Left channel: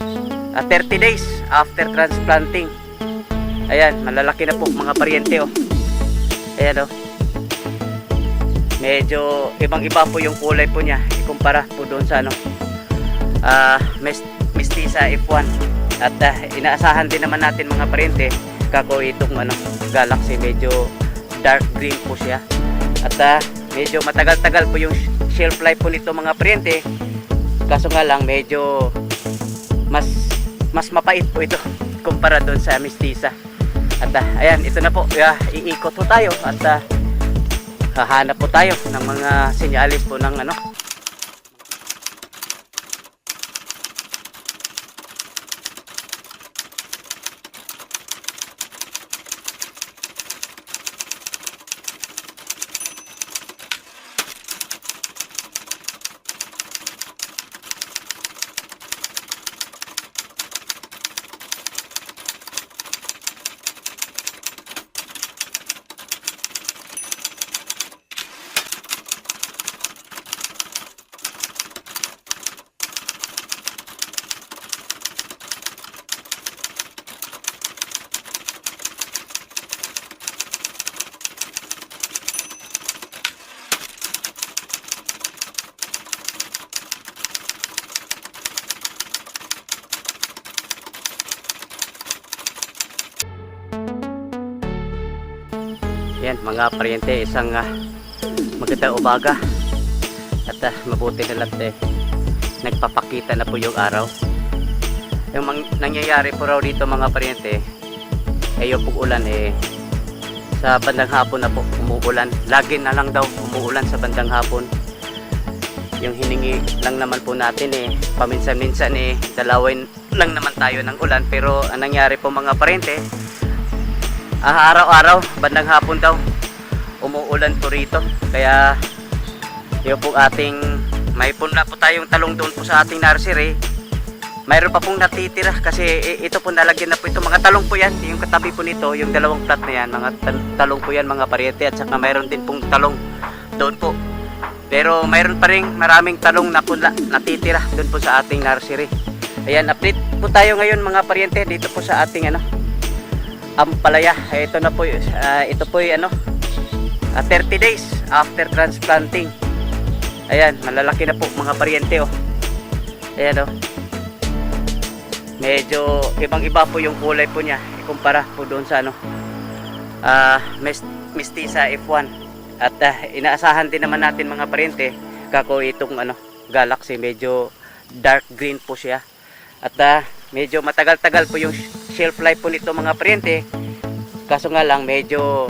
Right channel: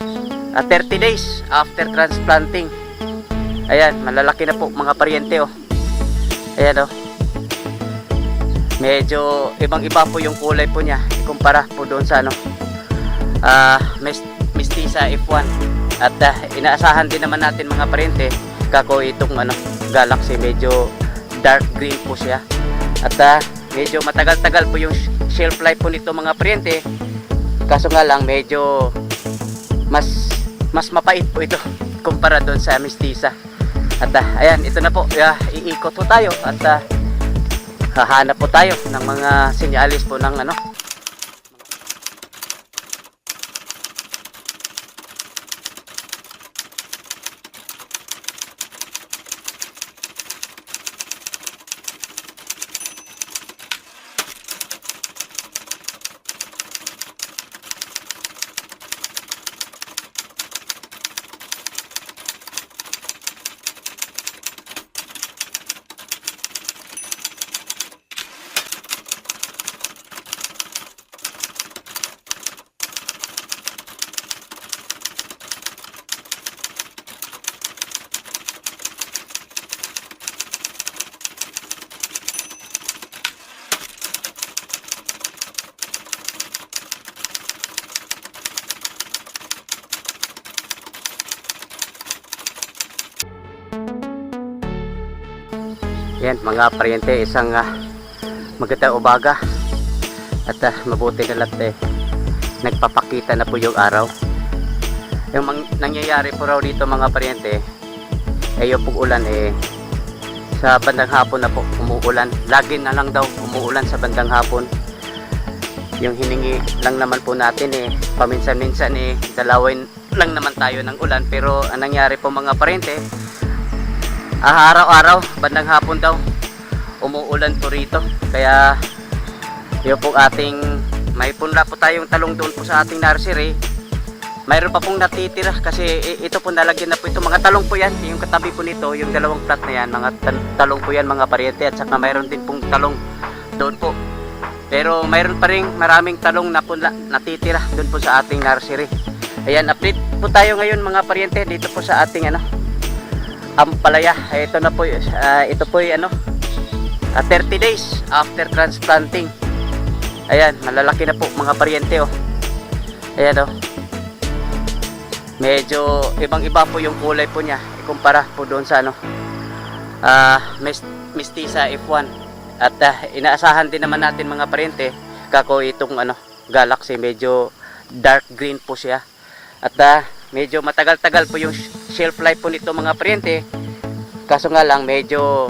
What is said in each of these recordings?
30 days after transplanting. Ayan, malalaki na po mga paryente oh. Ayan oh. Medyo ibang-iba po yung kulay po niya ikumpara po doon sa ano Mestiza F1. At inaasahan din naman natin mga paryente kako itong ano Galaxy, medyo dark green po siya. At medyo matagal-tagal po yung shelf life po nito mga paryente. Kaso nga lang medyo mas mapait po ito kumpara doon sa Mestiza. At ayan, ito na po, iikot po tayo at hahanap po tayo ng mga senyalis po ng ano. Yan mga paryente, isang magandang umaga at mabuti na lang nagpapakita na po yung araw. Yung nangyayari po raw dito mga paryente, ngayon pong ulan sa bandang hapon na po umuulan. Lagi na lang daw umuulan sa bandang hapon. Yung hiningi lang naman po natin paminsan-minsan dalawin lang naman tayo ng ulan, pero ang nangyari po mga paryente, araw-araw bandang hapon daw umuulan po rito. Kaya yung po ating may punla po tayong talong doon po sa ating nursery, mayroon pa pong natitira kasi ito po nalagyan na po ito. Mga talong po yan, yung katabi po nito, yung dalawang plat na yan, mga talong po yan mga paryente. At saka mayroon din pong talong doon po, pero mayroon pa rin maraming talong na punla natitira doon po sa ating nursery. Ayan, update po tayo ngayon mga paryente dito po sa ating ampalaya. Ito na po, ito po yung 30 days after transplanting. Ayan, malalaki na po mga paryente oh. Ayan oh. Medyo ibang-iba po yung kulay po niya ikumpara po doon sa Mestiza F1. At inaasahan din naman natin mga paryente kako itong Galaxy, medyo dark green po siya. At medyo matagal-tagal po yung shelf life po nito mga paryente. Kaso nga lang medyo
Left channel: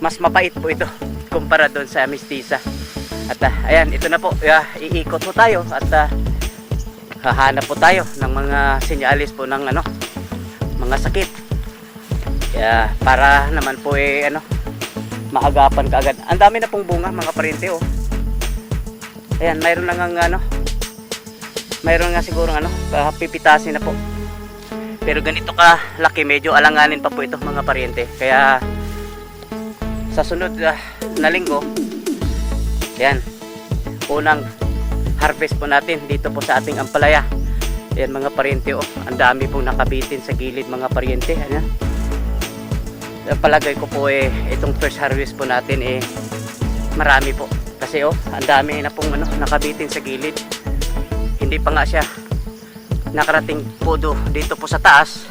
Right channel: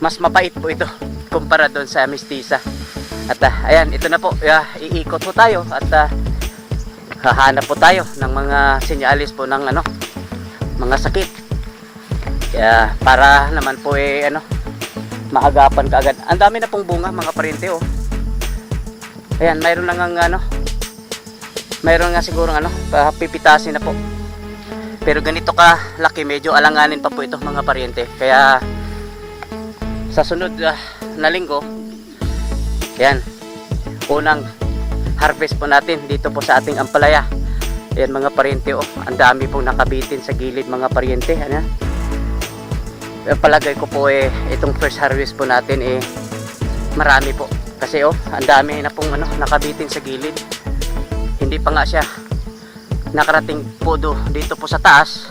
mas mapait po ito kumpara doon sa Mestiza. At ayan, ito na po, iikot po tayo at hahanap po tayo ng mga senyalis po ng mga sakit. Kaya para naman po maagapan kaagad. Ang dami na pong bunga mga paryente oh. Ayan, mayroon lang mayroon nga siguro pipitasin na po. Pero ganito ka laki, medyo alanganin pa po ito mga paryente. Kaya sa sunod na linggo, yan, unang harvest po natin dito po sa ating ampalaya. Yan mga paryente oh, ang dami pong nakabitin sa gilid mga paryente. Ayan. Palagay ko po itong first harvest po natin marami po. Kasi oh, ang dami na pong nakabitin sa gilid. Hindi pa nga siya nakarating po dito po sa taas.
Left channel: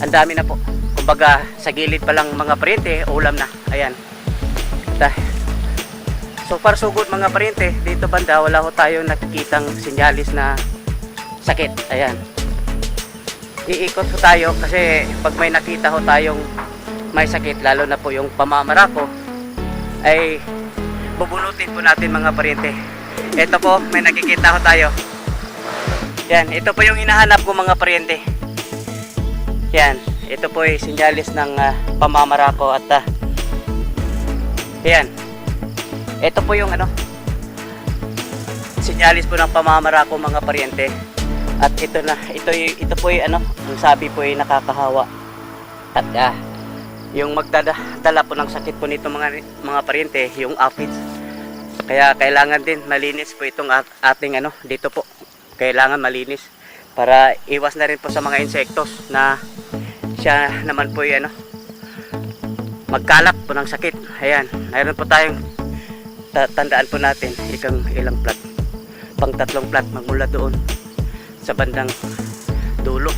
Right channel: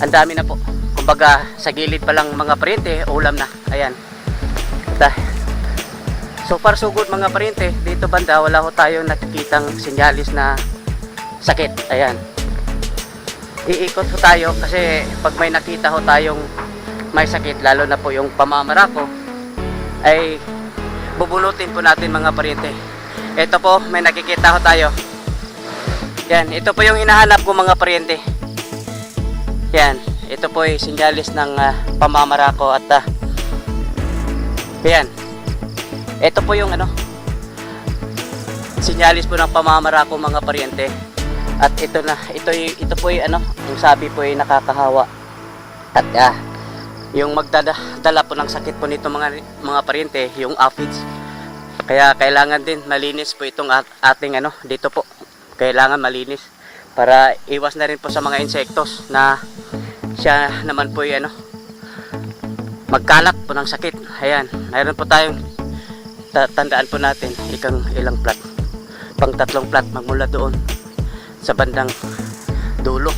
Ang dami na po. Kumbaga sa gilid pa lang mga paryente, ulam na. Ayan. So far so good mga paryente. Dito banda wala ho tayong nakikitang senyalis na sakit. Ayan. Iikot ho tayo kasi pag may nakita ho tayong may sakit, lalo na po yung pamamarako, ay bubunutin po natin mga paryente. Ito po, may nakikita ho tayo. Yan, ito po yung hinahanap ko mga paryente. Yan, ito po ay senyalis ng pamamarako. At yan, ito po yung senyalis po ng pamamarako mga paryente. At ito po ay yung sabi po ay nakakahawa. At yung magdadala po ng sakit po nito mga paryente, yung aphids. Kaya kailangan din malinis po itong ating dito po. Kailangan malinis. para iwas na rin po sa mga insektos na siya naman po ay magkalat po ng sakit. Ayan, mayroon po tayong tandaan po natin ilang plat, pang 3 plat magmula doon sa bandang dulo.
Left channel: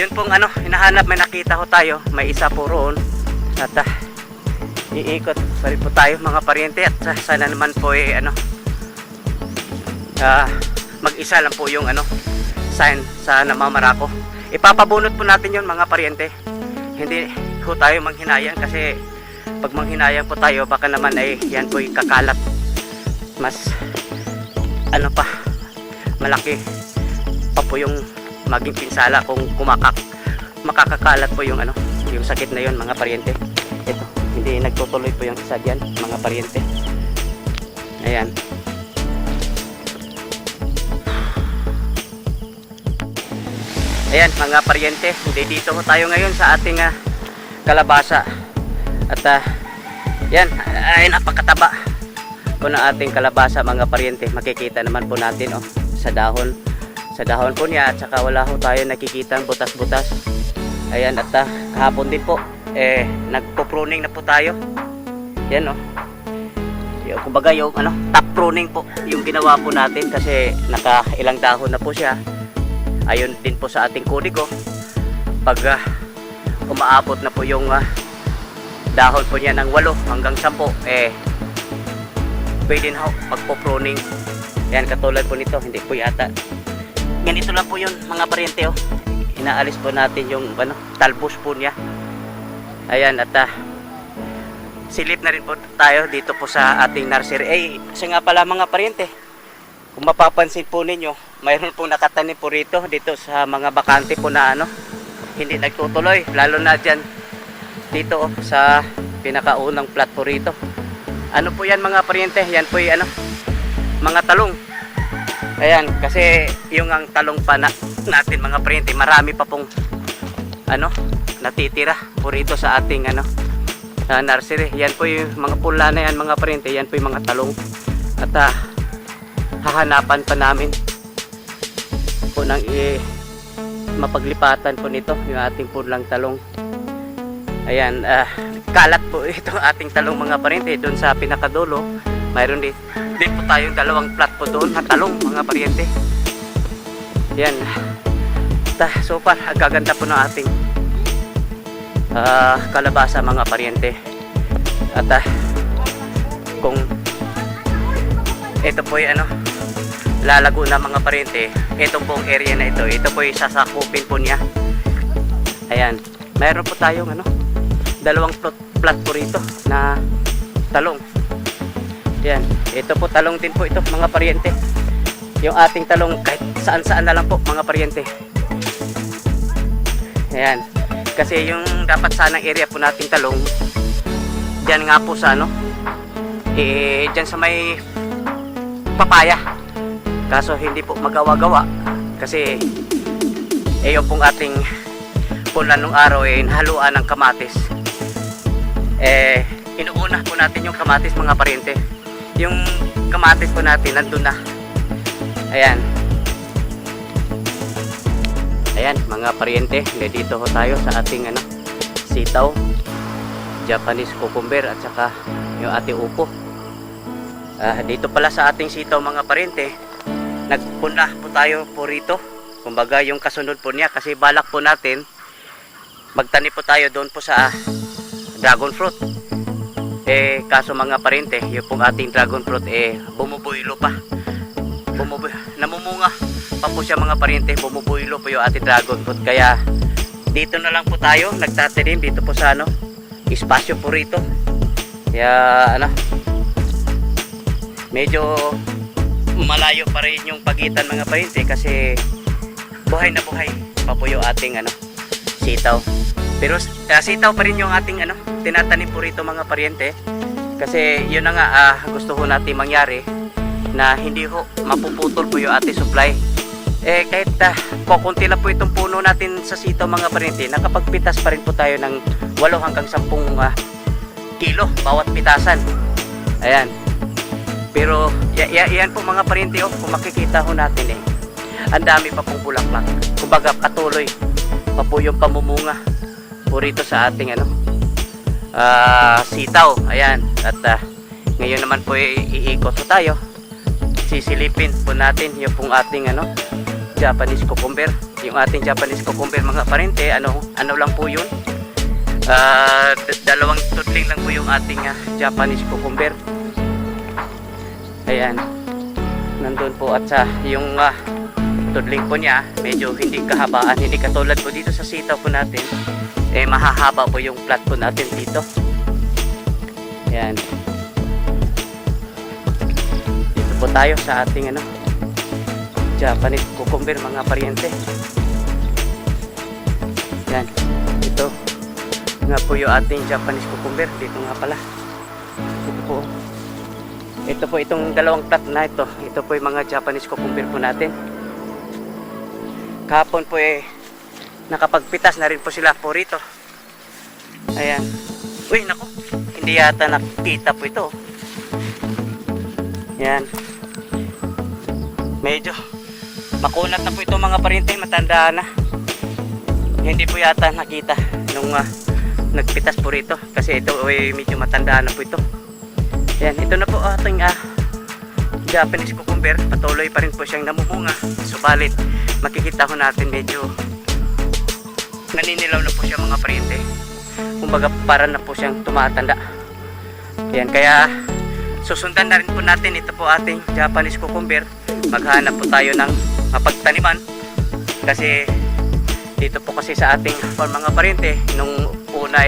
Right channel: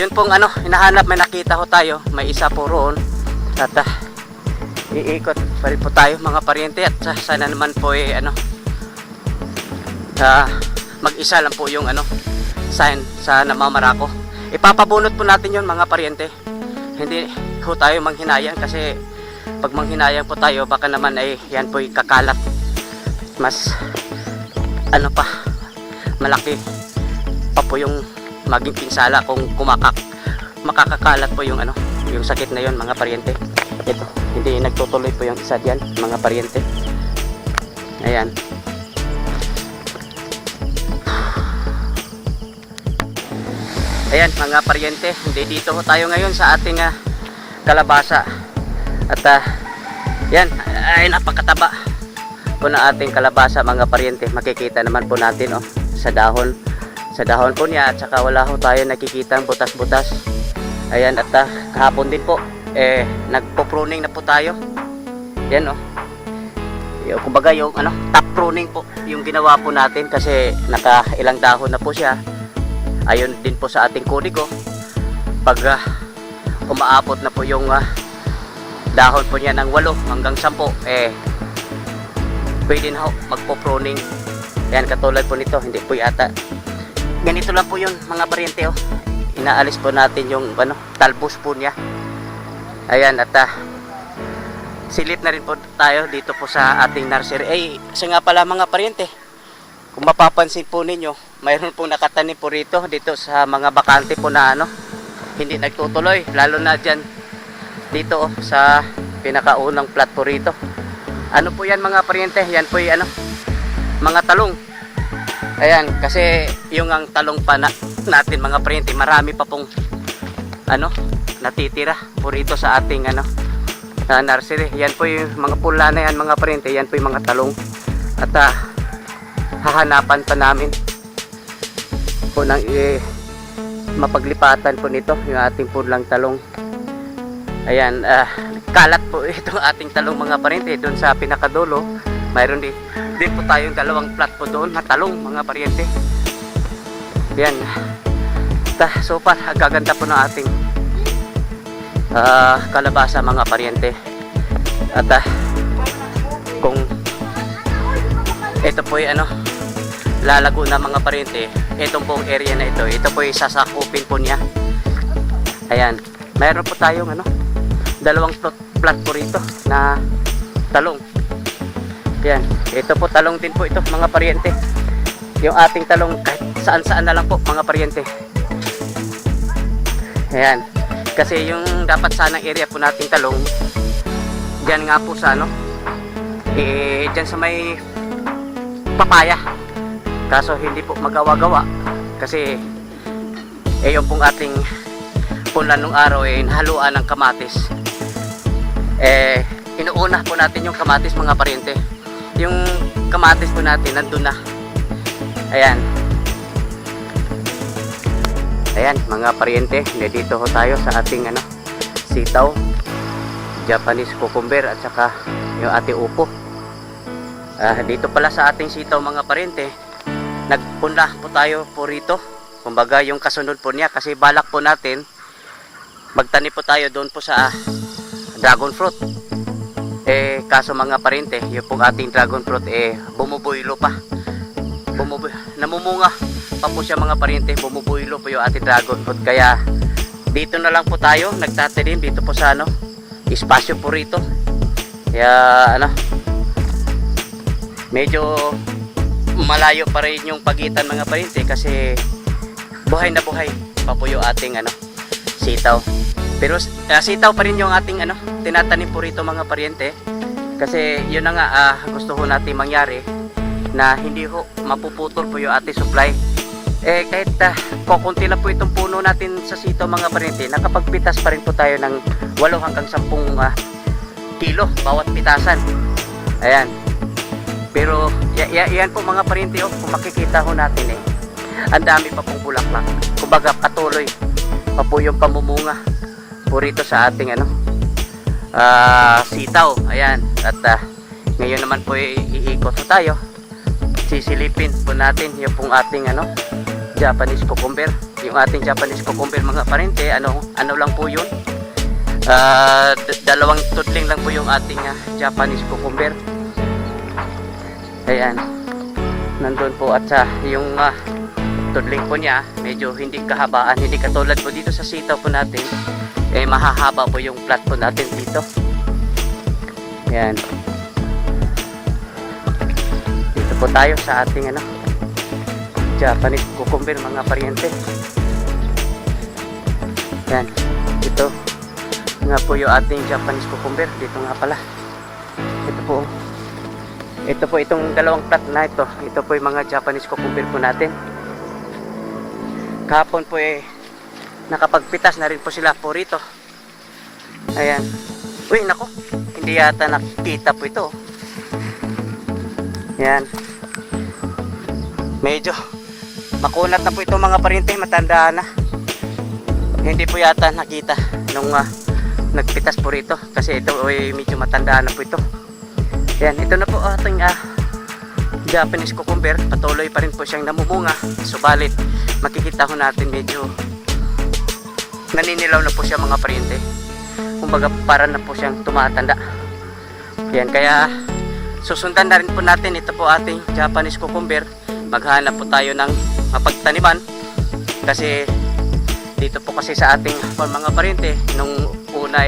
Yun pong hinahanap, may nakita ko tayo, may isa po roon at iikot pa rin po tayo mga paryente at sana naman po mag-isa lang po yung sign sa namamarako. Ipapabunot po natin yun mga paryente. Hindi po tayo manghinayang kasi pag manghinayang po tayo baka naman ay yan po kakalat. Mas pa malaki pa po yung maging pinsala kung makakakalat po yung yung sakit na yun mga paryente. Hindi nagtutuloy po yung isa dyan mga paryente. Ayan. Ayan mga paryente, dito ho tayo ngayon sa ating kalabasa. At yan, ay napakataba po ng ating kalabasa mga paryente. Makikita naman po natin sa dahon po niya at saka wala ho tayo nakikita butas-butas. Ayan, at kahapon din po nagpo-pruning na po tayo. Yan kumbaga yung top pruning po yung ginawa po natin kasi nakailang dahon na po siya. Ayun din po sa ating kudigo, pag umaabot na po yung dahon po niya ng 8 hanggang 10 pwede na ho magpo-pruning. Yan, katulad po nito, hindi po yata ganito lang po yun mga paryente. Inaalis po natin yung talbos po niya. Ayan, at silip na rin po tayo dito po sa ating nursery. Isa nga pala mga paryente, kung mapapansin po ninyo, mayroon pong nakatanim po rito dito sa mga bakante po na hindi nagtutuloy, lalo na dyan dito sa pinakaunang plat po rito. Ano po yan mga paryente? Yan po yung mga talong. Ayan, kasi yung ang talong pa natin mga paryente, marami pa pong natitira po rito sa ating sa nursery. Yan po yung mga pula na yan mga paryente, yan po yung mga talong. At hahanapan pa namin po ng mapaglipatan po nito yung ating pulang talong. Ayan, kalat po itong ating talong mga paryente. Doon sa pinakadulo mayroon din po tayong 2 plat po doon na talong mga paryente. Ayan, so far ang gaganda po ng ating kalabasa mga paryente. At kung ito po ay lalago na mga paryente, itong pong area na ito po ay sasakupin po niya. Ayan, mayroon po tayong 2 plat po rito na talong. Ayan, ito po talong din po ito mga paryente. Yung ating talong kahit saan-saan na lang po mga paryente. Ayan, kasi yung dapat sanang area po nating talong dyan nga po sa dyan sa may papaya. Kaso hindi po magawa-gawa kasi yung pong ating pula nung araw haluan ng kamatis. Inuuna po natin yung kamatis mga paryente. Yung kamatis po natin nandun na. Ayan. Ayan mga paryente, dito ho tayo sa ating sitaw, Japanese cucumber at saka yung ating upo. Dito pala sa ating sitaw mga paryente, nagpunla po tayo po rito. Kumbaga yung kasunod po niya kasi balak po natin magtanim po tayo doon po sa dragon fruit. Kaso mga paryente, yung pong ating dragon fruit bumubuylo pa. Namumunga pa po siya mga paryente, bumubuylo po yung ating dragon fruit. Kaya dito na lang po tayo nagtatanim dito po sa espasyo po rito. Kaya medyo malayo pa rin yung pagitan mga paryente kasi buhay na buhay pa po yung ating sitaw. Pero sitaw pa rin yung ating tinatanim po rito mga paryente. Kasi yun na nga gusto ko natin mangyari na hindi ho mapuputol po yung ating supply. Kahit kukunti lang po itong puno natin sa sitaw mga paryente, nakapagpitas pa rin po tayo ng 8 hanggang 10 kilo bawat pitasan. Ayan. Pero yan po mga paryente kung makikita ko natin ang dami pa pong bulaklak. Kumbaga patuloy pa po yung pamumunga po rito sa ating sitaw. Ayan, at ngayon naman po iikot po tayo. Sisilipin po natin yung pong ating Japanese cucumber. Yung ating Japanese cucumber mga parente, ano lang po yung dalawang tudling lang po yung ating Japanese cucumber. Ayan, nandun po, at yung tudling po niya medyo hindi kahabaan, hindi katulad po dito sa sitaw po natin, mahahaba po yung plat po natin dito. Ayan, dito po tayo sa ating Japanese cucumber mga pariente. Ayan, ito nga po yung ating Japanese cucumber. Dito nga pala, ito po itong dalawang plat na ito. Ito po yung mga Japanese cucumber po natin. Kahapon po nakapagpitas na rin po sila po rito. Ayan. Uy, nako, hindi yata nakita po ito. Ayan, medyo makunat na po ito mga parente, matanda na. Hindi po yata nakita nung nagpitas po rito kasi ito medyo matanda na po ito. Ayan, ito na po ating Japanese cucumber. Patuloy pa rin po siyang namumunga. Subalit makikita ho natin medyo naninilaw na po siya mga parente. Kumbaga para na po siyang tumatanda. Ayan, kaya susundan na rin po natin ito po ating Japanese cucumber. Maghanap po tayo ng mapagtaniman kasi dito po kasi sa ating mga parente, nung una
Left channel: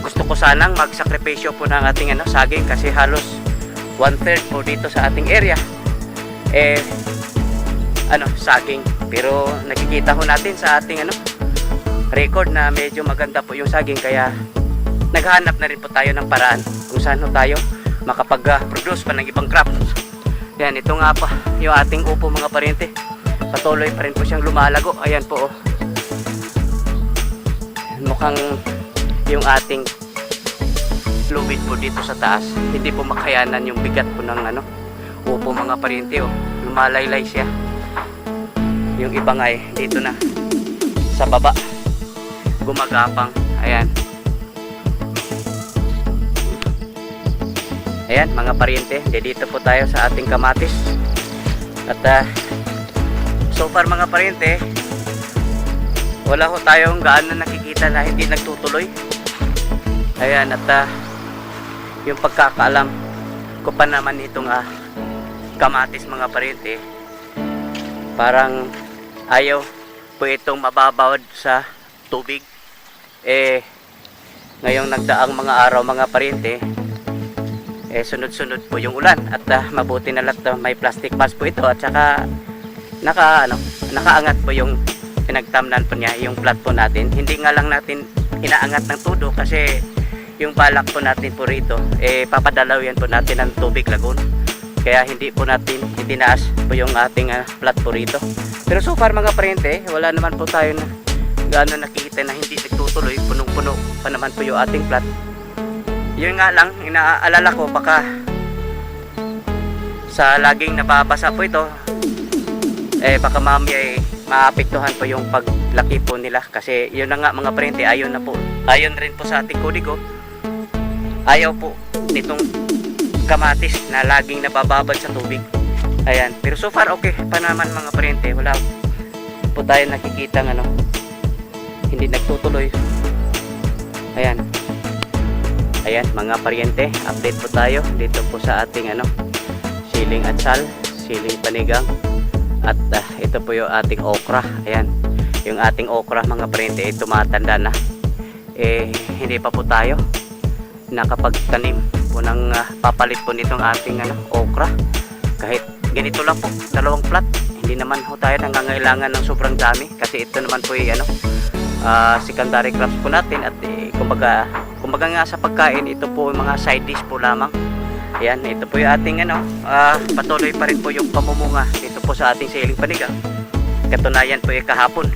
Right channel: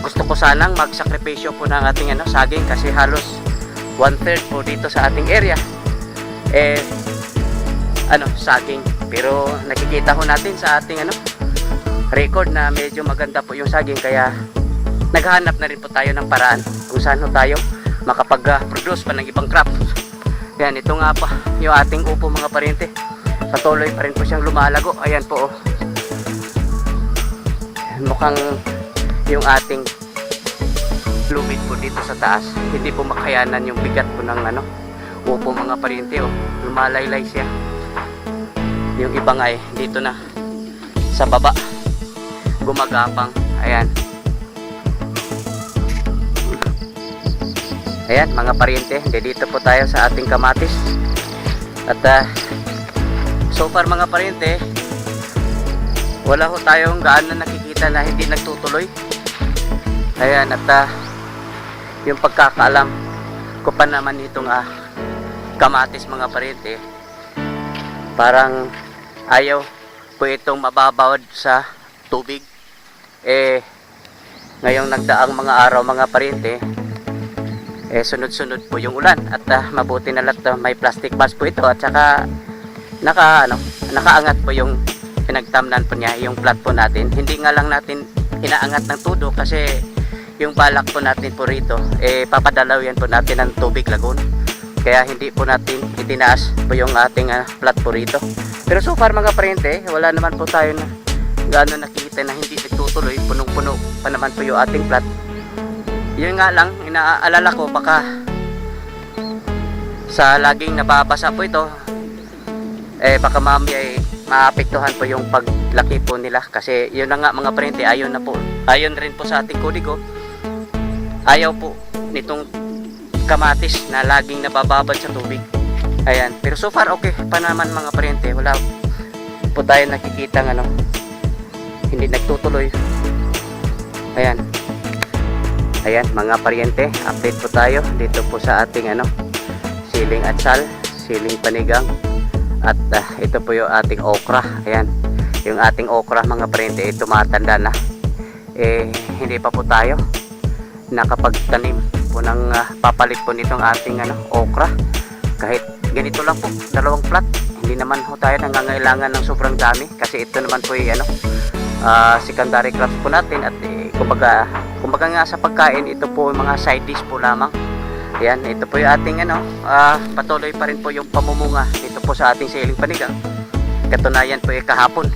gusto ko sanang magsakripisyo po ng ating saging kasi halos 1/3 po dito sa ating area saging. Pero nakikita ho natin sa ating record na medyo maganda po yung saging, kaya naghahanap na rin po tayo ng paraan kung saan ho tayo makapag-produce pa ng ibang crop. Ayan, ito nga pa yung ating upo mga parente. Patuloy pa rin po siyang lumalago. Ayan po, mukhang yung ating fluid po dito sa taas hindi po makayanan yung bigat po ng upo mga parente. Lumalaylay siya. Yung iba nga dito na sa baba gumagapang. Ayan. Ayan mga pariente, dito po tayo sa ating kamatis. At so far mga pariente, wala ho tayong gaano nakikita na hindi nagtutuloy. Ayan, at yung pagkakaalam ko pa naman itong kamatis mga pariente, parang ayaw po itong mababawad sa tubig. Ngayong nagdaang mga araw mga pariente, sunod-sunod po yung ulan at mabuti na lang may plastic mask po ito, at saka nakaangat po yung pinagtamnan po niya, yung plat po natin. Hindi nga lang natin inaangat ng todo kasi yung balak po natin po rito papadalaw yan po natin ng tubig lagoon, kaya hindi po natin itinaas po yung ating plat po rito. Pero so far mga parente, wala naman po tayo na gaano nakikita na hindi nagtutuloy. Punong-puno pa naman po yung ating plat. Yun nga lang, inaalala ko baka sa laging nababasa po ito, baka mamaya maapektuhan po yung paglaki po nila. Kasi yun na nga mga parente, ayon rin po sa ating kodigo, ayaw po nitong kamatis na laging nabababad sa tubig. Ayan, pero so far okay pa naman mga parente, wala po tayo nakikita hindi nagtutuloy. Ayan. Ayan mga pariente, update po tayo dito po sa ating siling atsal, siling panigang, at ito po yung ating okra. Ayan, yung ating okra mga pariente tumatanda na. Hindi pa po tayo nakapagtanim po ng papalit po nitong ating okra. Kahit ganito lang po, dalawang plat, hindi naman po tayo nangangailangan ng sobrang dami kasi ito naman po yung secondary crops po natin, at kumbaga nga sa pagkain, ito po yung mga side dish po lamang. Yan, ito po yung ating patuloy pa rin po yung pamumunga dito po sa ating siling panigang. Katunayan po kahapon,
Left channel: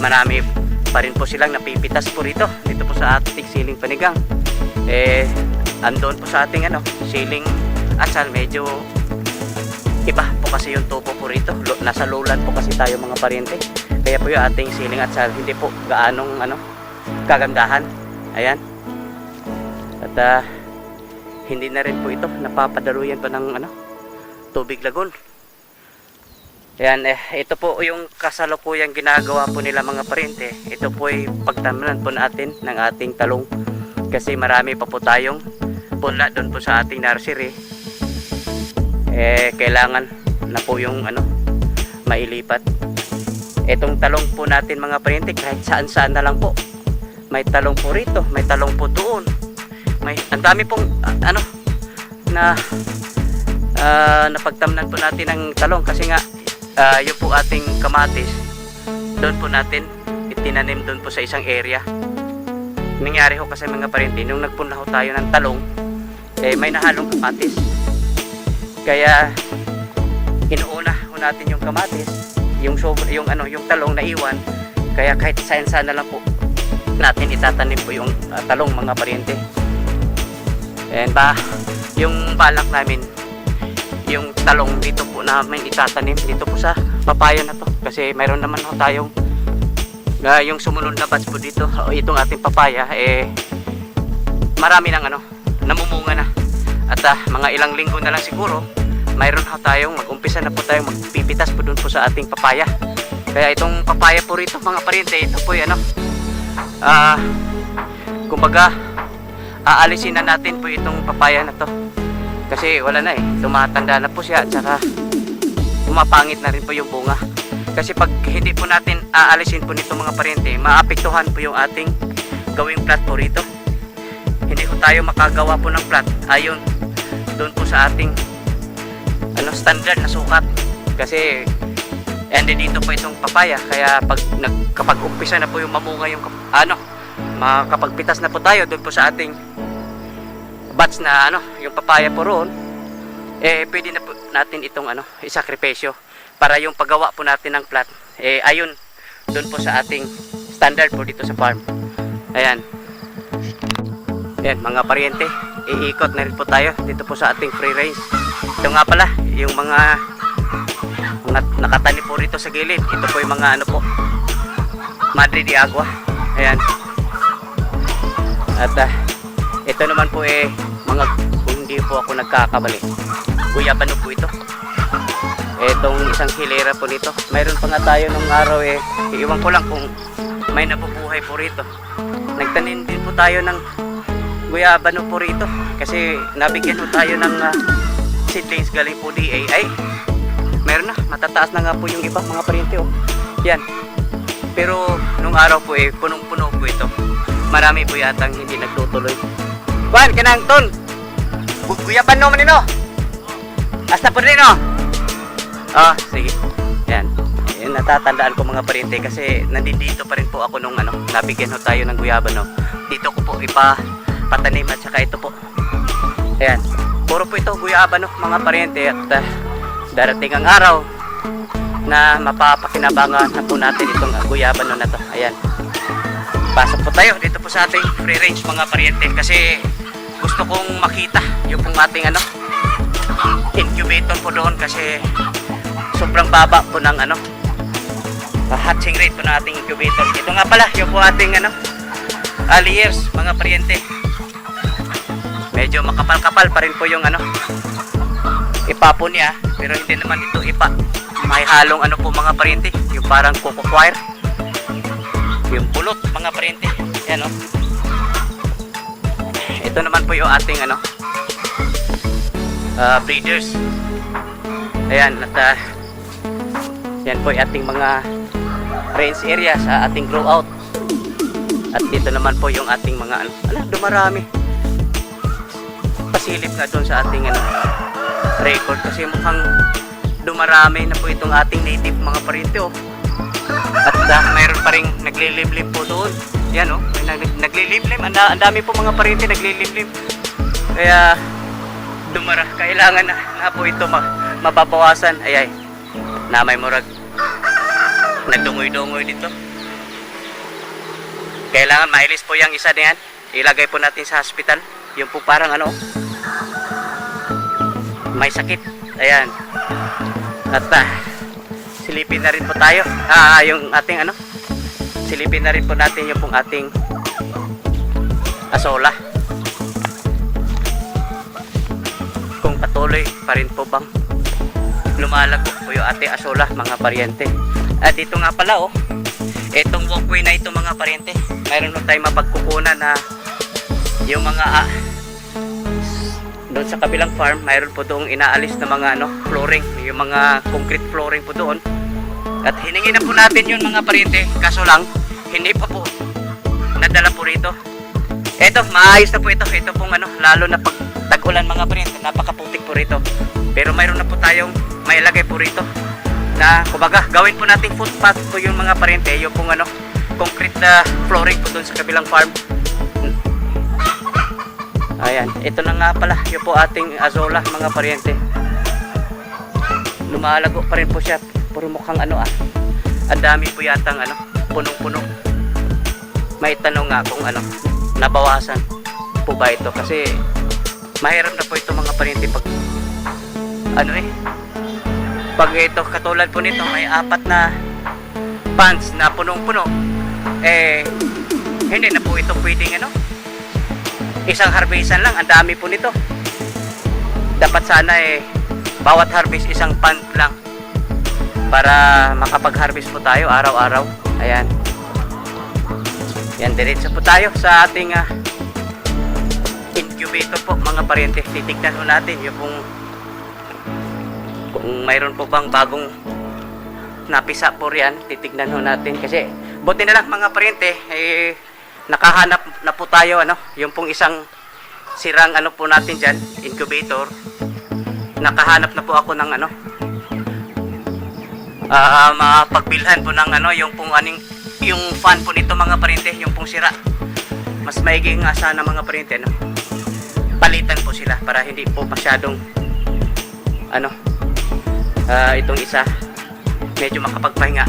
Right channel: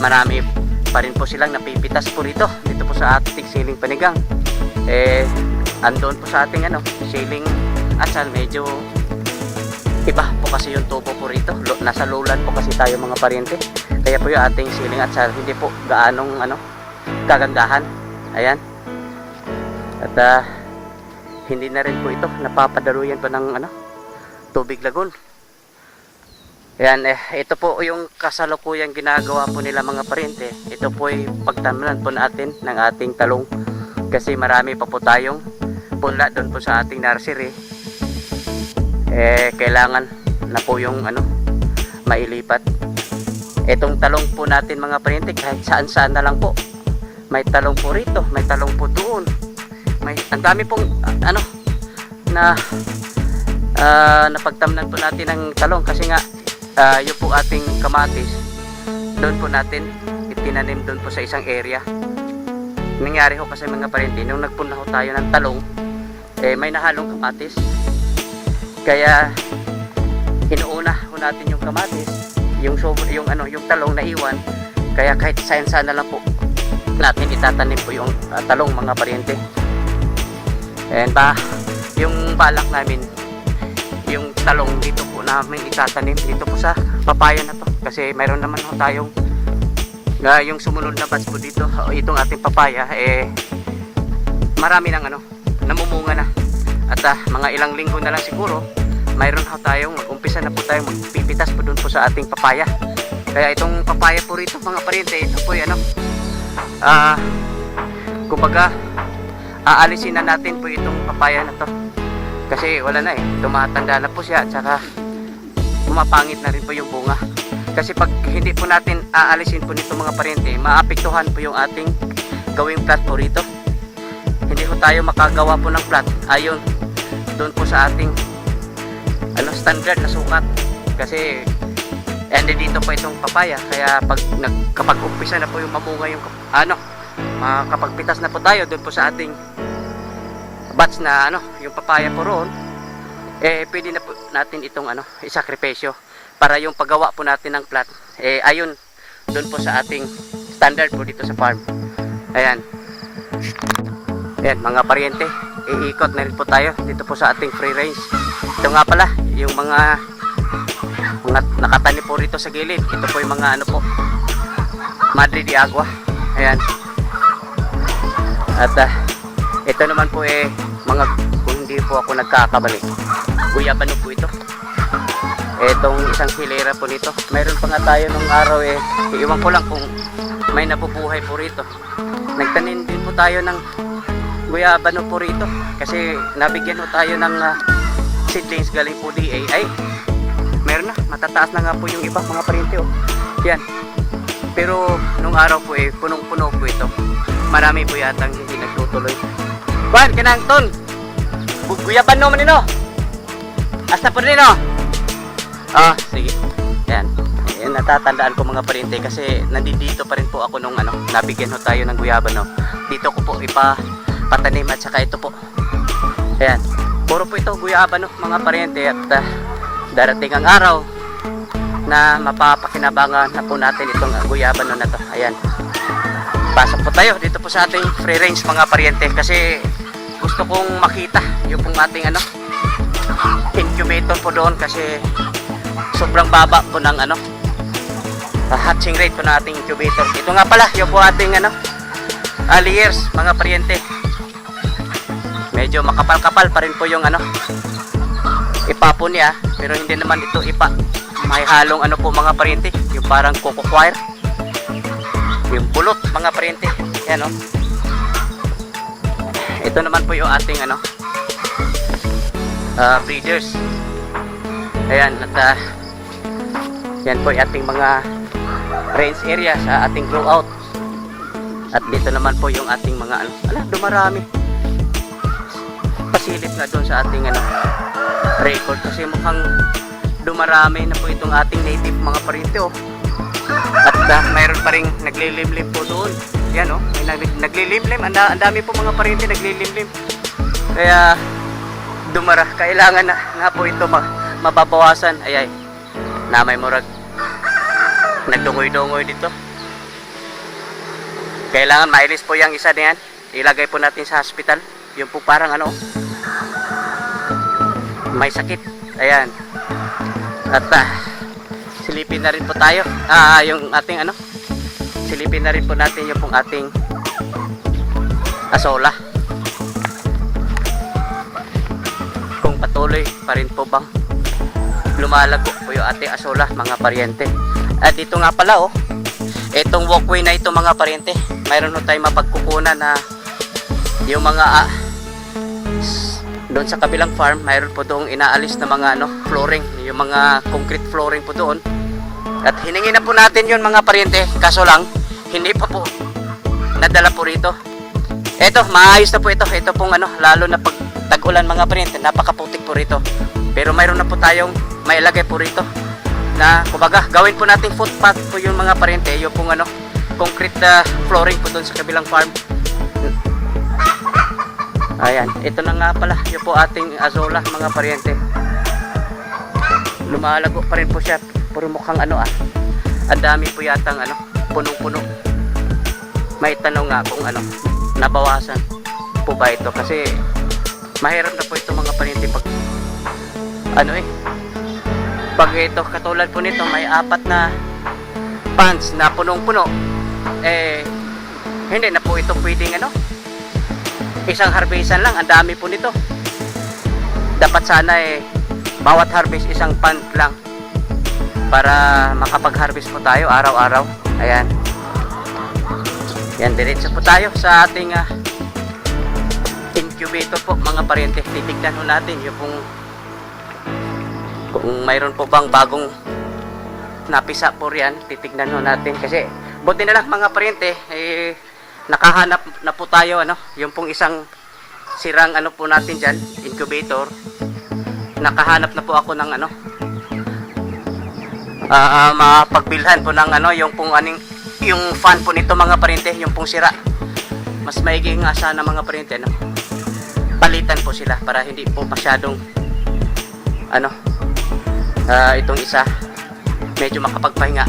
marami pa rin po silang napipitas po rito dito po sa ating siling panigang. Andon po sa ating siling asal, medyo iba po kasi yung tubo po rito. Nasa lulan po kasi tayo mga parinti. Kaya po yung ating siling at sal hindi po gaanong kagandahan. Ayan. At hindi na rin po ito napapadaluyan pa ng tubig lagon. Ayan, ito po yung kasalukuyang ginagawa po nila mga parinti. Ito po ay pagtanaman po natin ng ating talong. Kasi marami pa po tayong punla doon po sa ating nursery. Kailangan na po yung mailipat. Itong talong po natin mga parinti, kahit saan saan na lang po. May talong po rito, may talong po doon. Ang dami pong napagtamnan po natin ng talong kasi nga yung po ating kamatis doon po natin itinanim doon po sa isang area. Nangyari ho kasi mga parinti, nung nagpunla ho tayo ng talong, may nahalong kamatis. Kaya inuuna ho natin yung kamatis, yung talong na iwan. Kaya kahit saan na lang po natin itatanim po yung talong mga parinti. Ayan ba, yung balak namin, yung talong dito po namin itatanim dito po sa papaya na to. Kasi mayroon naman ho tayong yung sumunod na batch po dito, itong ating papaya, marami nang namumunga na. At mga ilang linggo na lang siguro, mayroon ho tayong mag-umpisa na po tayong magpipitas po dun po sa ating papaya. Kaya itong papaya po rito mga parinti, ito po yung kumbaga aalisin na natin po itong papaya na to kasi wala na tumatanda na po siya at saka pumapangit na rin po yung bunga. Kasi pag hindi po natin aalisin po nito mga parinti, maapektuhan po yung ating gawing plat po rito. Hindi po tayo makagawa po ng plat ayon doon po sa ating standard na sukat. Kasi dito po itong papaya, kaya kapag umpisa na po yung mabunga yung makakapagpitas na po tayo doon po sa ating batch na yung papaya po roon, pwede na po natin itong isakripisyo para yung paggawa po natin ng plat ayon doon po sa ating standard po dito sa farm. Ayan mga paryente, iikot na rin po tayo dito po sa ating free range. Ito nga pala yung mga nakatani po rito sa gilid. Ito po yung mga Madre de Agua. Ayan. At ito naman po mga, hindi po ako nagkakamali, guyabano po ito. Itong isang hilera po nito. Mayroon pa nga tayo ng araw iwan ko lang kung may nabubuhay po rito. Nagtanim din po tayo ng guyabano po rito kasi nabigyan po tayo ng seedlings galing po DA. Meron na, matataas na nga po yung iba mga parinti yan. Pero nung araw po punong-puno po ito. Marami po yatang hindi nagtutuloy. Kuan kanang ton. Guyaban no man nino. Hasta po nino. Sige. Yan. Yan natatandaan ko mga parinti kasi nandito pa rin po ako nung nabigyan ho tayo ng guyaban Dito ko po patanim at saka ito po. Ayan. Puro po ito guyaban mga parinti at darating ang araw na mapapakinabangan na po natin itong guyaban na to. Ayan. Pasok po tayo dito po sa ating free range mga paryente kasi gusto kong makita yung pong ating incubator po doon kasi sobrang baba po ng hatching rate po ng ating incubator. Ito nga pala yung po ating layers mga paryente. Medyo makapal-kapal pa rin po yung ipa po niya, pero hindi naman ito ipa. May halong po mga parinti, yung parang coco wire, yung pulot mga parinti. Yan ito naman po yung ating breeders. Ayan, at yan po yung ating mga range area sa ating grow out. At dito naman po yung ating mga dumarami. Pasilip na doon sa ating record kasi mukhang dumarami na po itong ating native mga parinti at mayroon pa rin naglilimlim po doon. Yan naglilimlim, ang dami po mga parinti naglilimlim. Kaya kailangan na nga po ito mababawasan. Ayay na may murag nagdungoy-dungoy dito. Kailangan mailis po yung isa na yan, ilagay po natin sa hospital. Yung po parang may sakit. Ayan. At silipin na rin po tayo. Yung ating ano, silipin na rin po natin yung pong ating asola. Kung patuloy pa rin po bang lumalago po yung ating asola, mga paryente. At dito nga pala oh, itong walkway na ito mga paryente, mayroon po tayong mapagkukunan na yung mga doon sa kabilang farm, mayroon po doong inaalis na mga ano, flooring, yung mga concrete flooring po doon. At hiningi na po natin yun mga paryente, kaso lang hindi pa po nadala po rito. Eto, maayos na po ito. Ito pong ano, lalo na pag tag-ulan mga paryente, napakaputik po rito. Pero mayroon na po tayong mailagay po rito na kumbaga gawin po nating footpath po yung mga paryente, yung pong ano, concrete flooring po doon sa kabilang farm. Ayan, ito na nga pala yung po ating azola mga paryente. Lumalago pa rin po siya, puro mukhang ano ang dami po yatang ano, punong-puno. May tanong nga kung ano, nabawasan po ba ito, kasi mahirap na po ito mga paryente pag ano pag ito katulad po nito may 4 na ponds na punong-puno, hindi na po ito pwedeng ano, isang harvestan lang, ang dami po nito. Dapat sana bawat harvest isang pond lang para makapag-harvest po tayo araw-araw. Ayan. Yan, diretso po tayo sa ating incubator po mga paryente. Titignan po natin yung kung mayroon po bang bagong napisa po riyan. Titignan po natin kasi buti na lang mga paryente, nakahanap na po tayo ano, yung pong isang sirang ano po natin dyan, incubator. Nakahanap na po ako ng ano, mapagbilhan po ng ano, yung pong aning, yung fan po nito mga paryente, yung pong sira. Mas maiging nga sana mga paryente no, palitan po sila para hindi po masyadong ano, itong isa medyo makapagpahinga.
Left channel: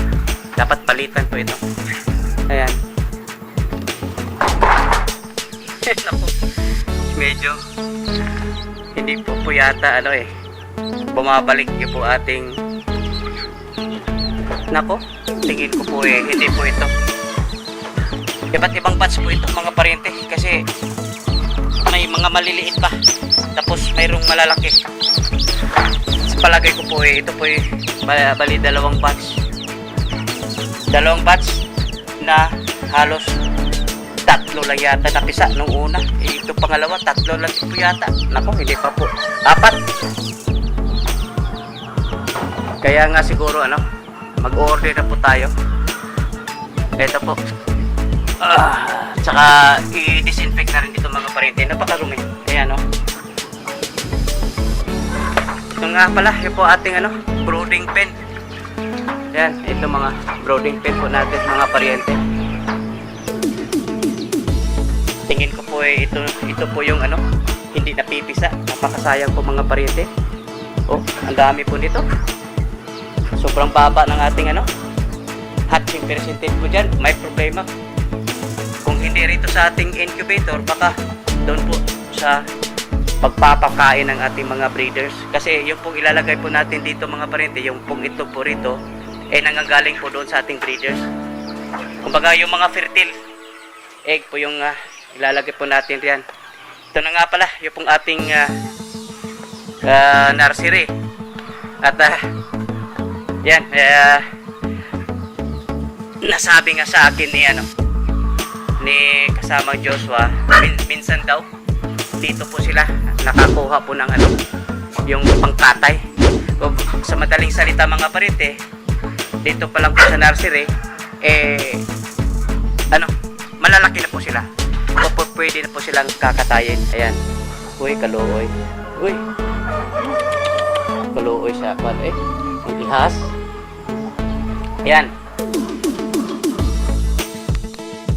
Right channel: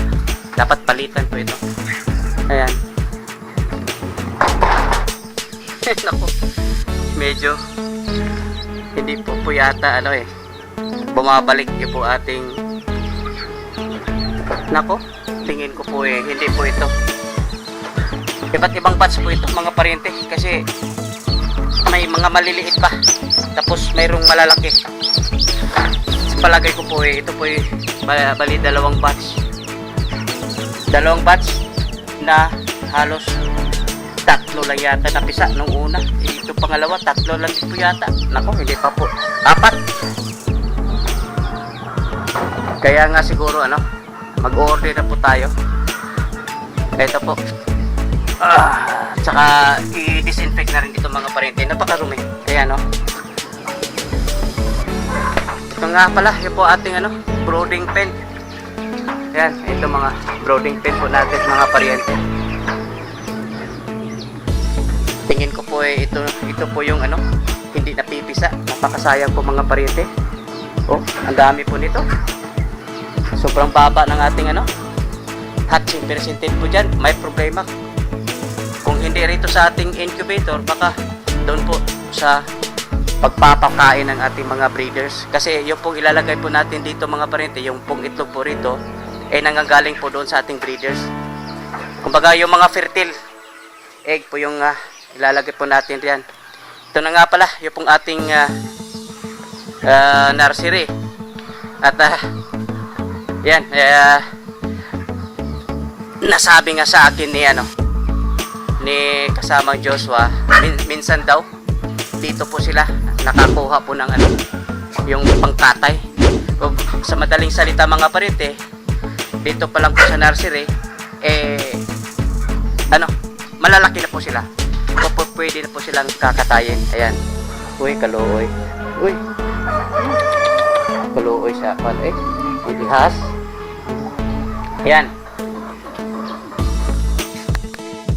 Dapat palitan po ito. Ayan. Naku, medyo hindi po yata ano bumabalik yung po ating nako, tingin ko po hindi po ito. Iba't ibang patch po ito mga paryente, kasi may mga maliliit pa tapos mayroong malalaki. Sa palagay ko po ito po bali dalawang batch na halos 3 lang yata napisa nung una. Ito pangalawa, 3 lang po yata. Nako, hindi pa po 4. Kaya nga siguro ano, mag-order na po tayo. Ito po, tsaka i-disinfect na rin ito mga paryente. Napakarumi. Ayan o. Ito nga pala yung po ating ano, brooding pen. Ayan, ito mga brooding pen po natin mga paryente. Tingin ko po ito po yung ano, hindi napipisa. Nakakasayang po mga paryente. Oh, ang dami po nito. Sobrang baba ng ating ano, hatching percentage po dyan. May problema. Kung hindi rito sa ating incubator, baka doon po sa pagpapakain ng ating mga breeders. Kasi yung pong ilalagay po natin dito mga paryente, yung pong itlog po rito, nanggagaling po doon sa ating breeders. Kumbaga yung mga fertile egg po yung ilalagay po natin riyan. Ito na nga pala yung pong ating nursery. At yan, nasabi nga sa akin ni kasamang Joshua, minsan daw dito po sila nakakuha po ng ano, yung pangtatay. Sa madaling salita mga paryente, dito pa lang po sa nursery ano, malalaki na po sila. Pwede na po silang kakatayin. Ayan. Uy, kaluoy. Uy. Kaluoy siya. Ihas. Ayan.